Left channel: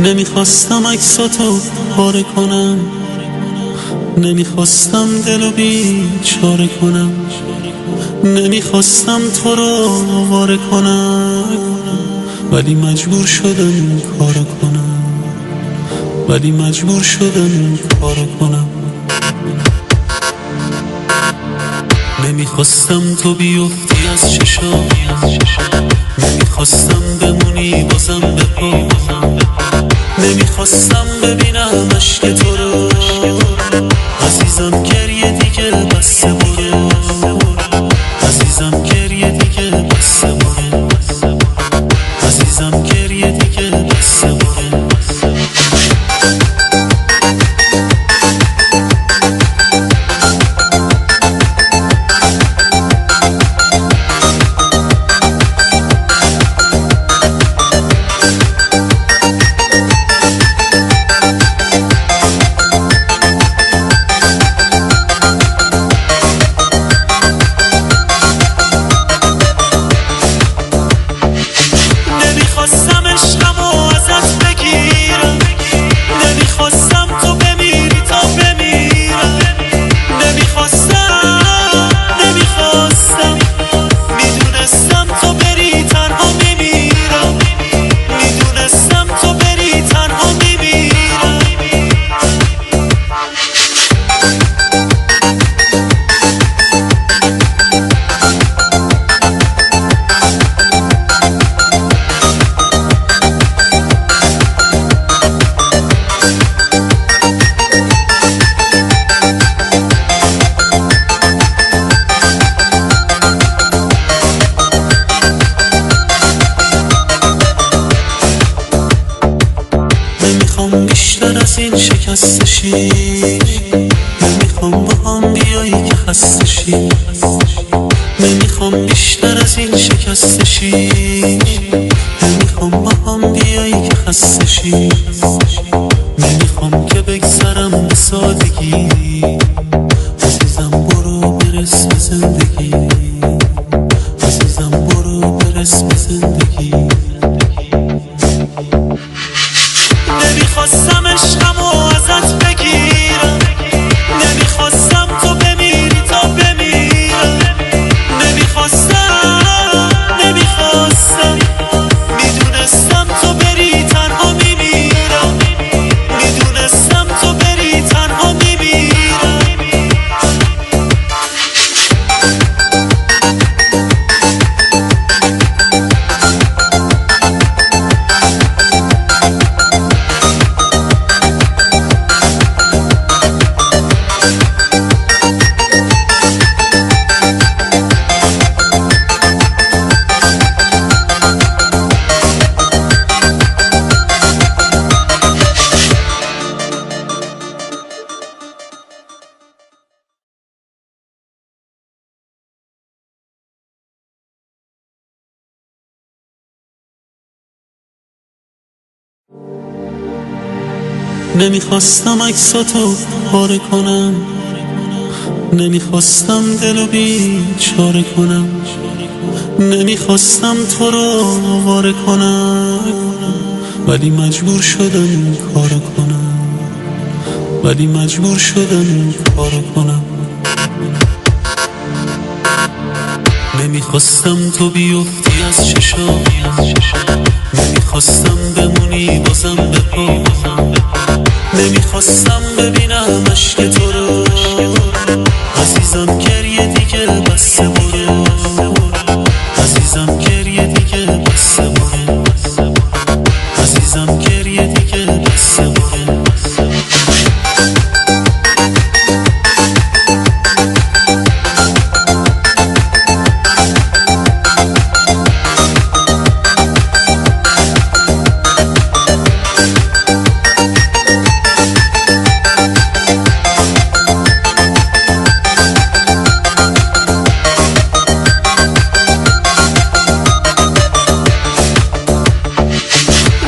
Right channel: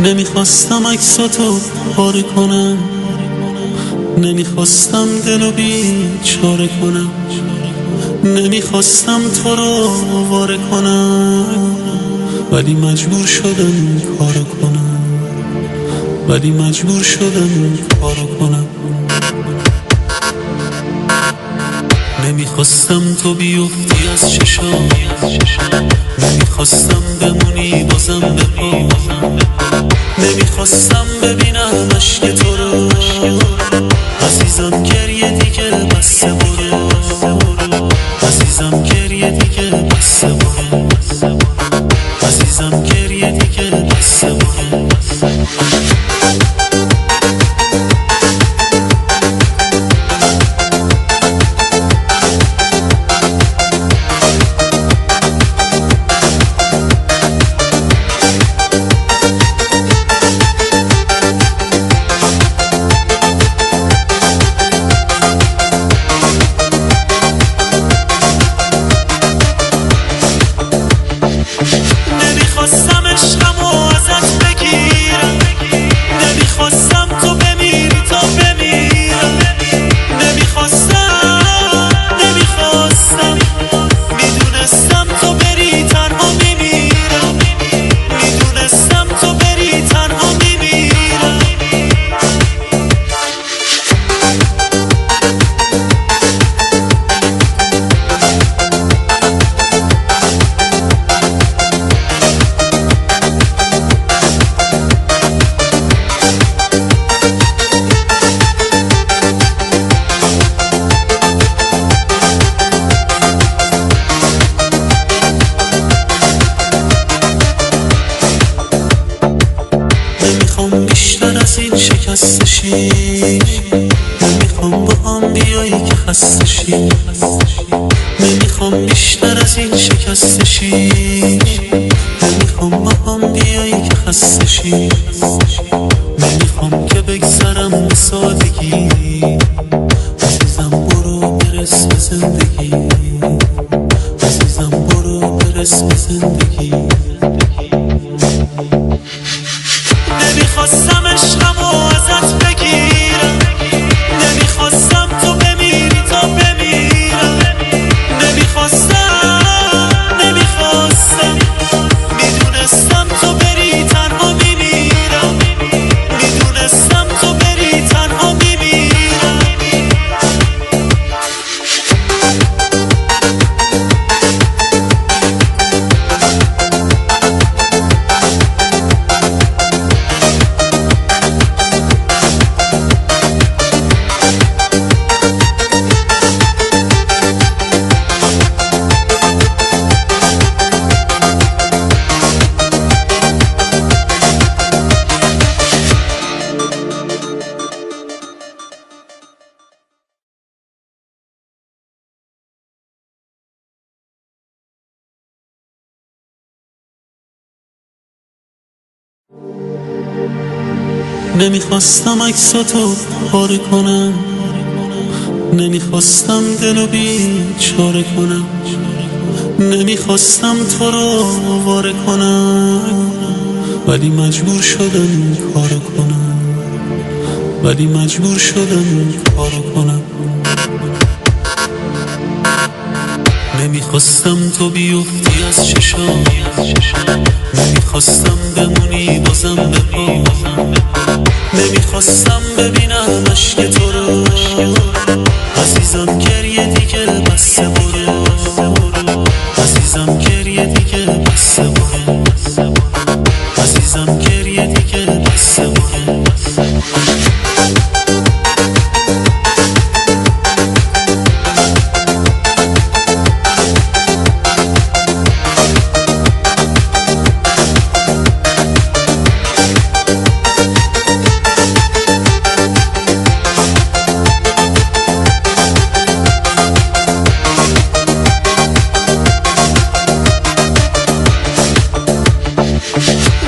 نمیخواستم عکساتو پاره کنم، نمیخواستم دلو بیچاره کنم، نمیخواستم تو رو آواره کنم، ولی مجبور شدم این کارو کنم، ولی مجبور شدم این کارو کنم. نمیخواستم تو بیفتی از چشام، نمیخواستم بمونی بازم به پا، نمیخواستم ببینم عشق تو رو. عزیزم گریه دیگه بسه برو، عزیزم گریه دیگه بسه برو، عزیزم گریه دیگه بسه برو. نمیخواستم عشقمو ازت بگیرم، نمیخواستم تو بمیری تا بمیرم، نمیخواستم میدونستم تو بری تنها میمیرم، میدونستم تو بری تنها میمیرم. نمیخوام بیشتر از این شکست شی، نمیخوام با هم بیایی که خسته شی، نمیخوام بیشتر از این شکست شی، نمیخوام با هم بیایی که خسته شی، نمیخوام که بگذرم به سادگی. عزیزم برو برس به زندگی، عزیزم برو برس به زندگی. نمیخواستم عشقمو ازت بگیرم، نمیخواستم تو بمیری تا بمیرم، نمیخواستم میدونستم تو بری تنها میمیرم، میدونستم تو بری تنها میمیرم. نمیخواستم عکساتو پاره کنم، نمیخواستم دلو بیچاره کنم، نمیخواستم تو رو آواره کنم، ولی مجبور شدم این کارو کنم، ولی مجبور شدم این کارو کنم. نمیخواستم تو بیفتی از چشام، نمیخواستم بمونی بازم به پا، نمیخواستم ببینم عشق تو رو. عزیزم گریه دیگه بسه برو، عزیزم گریه دیگه بسه برو، عزیزم گریه دیگه بسه برو.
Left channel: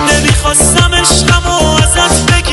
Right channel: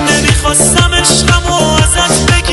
نمیخواستم عشقمو ازت بگیرم،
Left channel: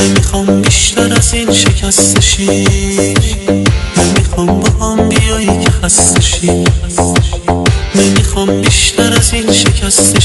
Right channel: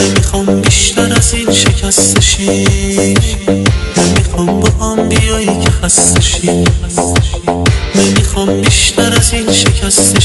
نمیخوام بیشتر از این شکسته شی، نمیخوام با هم بیایی که خسته شی، نمیخوام بیشتر از این شکسته